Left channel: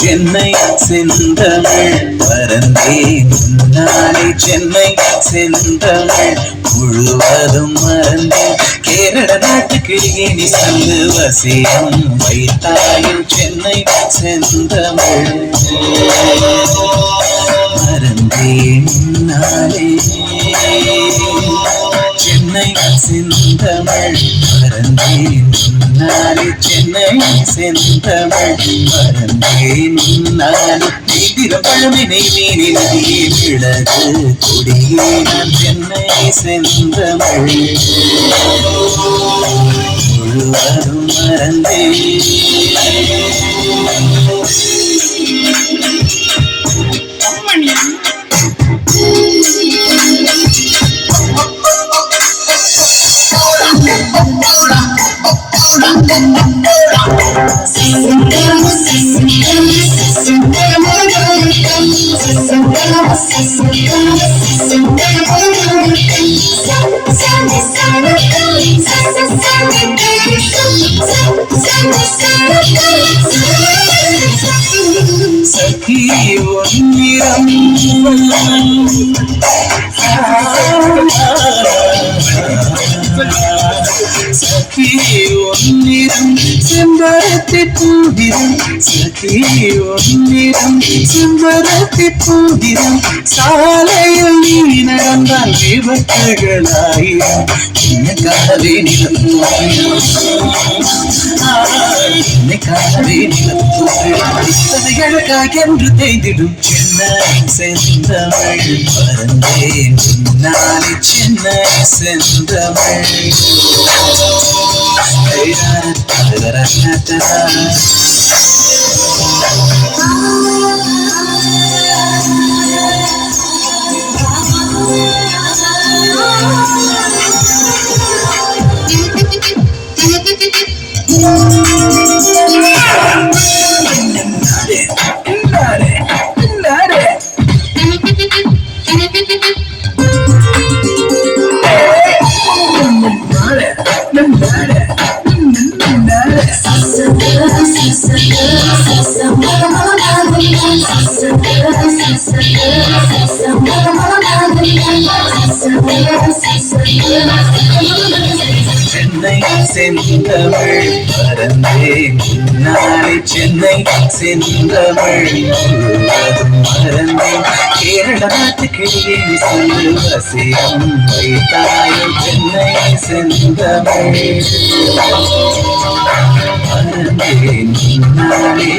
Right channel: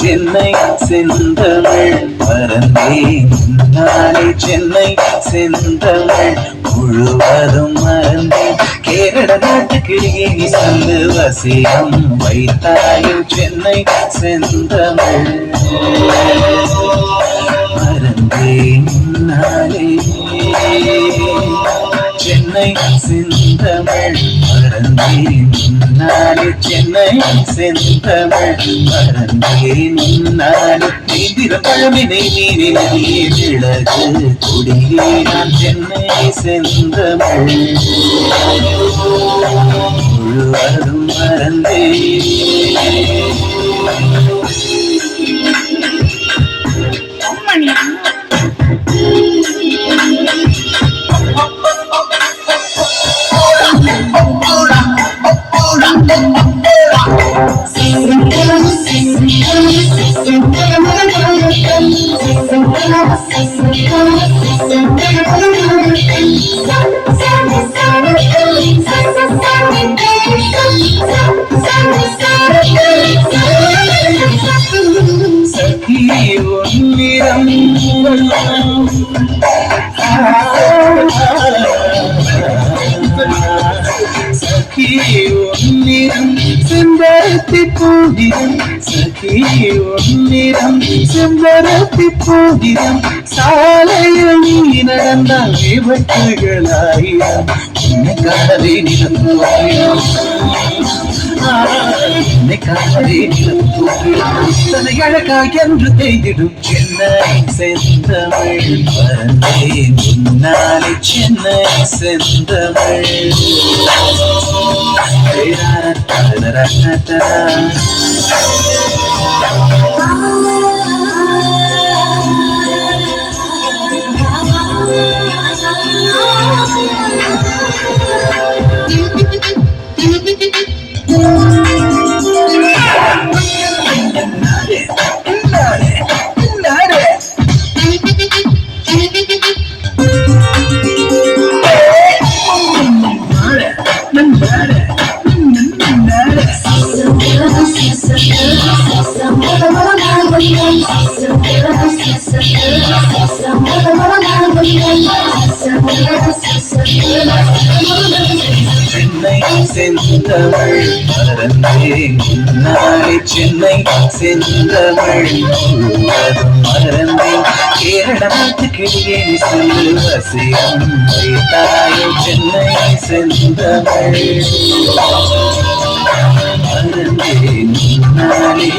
சென்னை செந்தமிழ் மறந்தேன் நாளை சென்னை செந்தமிழ் முழுவதும் மறந்தேன் கேரள நாட்டுக்கு இனி சொல்லு வசியம் வைத்தாயும் சென்னை செந்தமிழ் மறந்தேன் நாளே சென்னை செந்தமிழ் மறந்தேன் நாளே சென்னை செந்தமிழ் மறந்தேன் நாளே நீந்திரம் பழமினை நீரி நதியே விளக்கு கொடியே நான் சென்னை செந்தமிழ் முழுவதும் மறந்தேன் சகி ஒன்னிரம் சகி ஒன்னிரம் செம்பருத்தி பூதிரம் சகி ஒன்னிரம் செம்பருத்தி பூதிரம் சாலையில் நீ நடந்தால் விபத்துகளாயிரம் என்னைக்காகவே நிலம் என்னைக்காகவே நிலம் இத்தனை அழகாய் என்று தேய்ந்திடும் சென்னை செந்தமிழ் மறந்தேன் முன்னாலே சென்னை செந்தமிழ் சென்னை செந்தமிழ் மறந்தேன் நாளை சென்னை செந்தமிழ் முழுவதும் மறந்தேன் கேரள நாட்டுக்கு இனி சொல்லு வசியம் வைத்தாயோ சென்னை செந்தமிழ் மறந்தேன் நாளே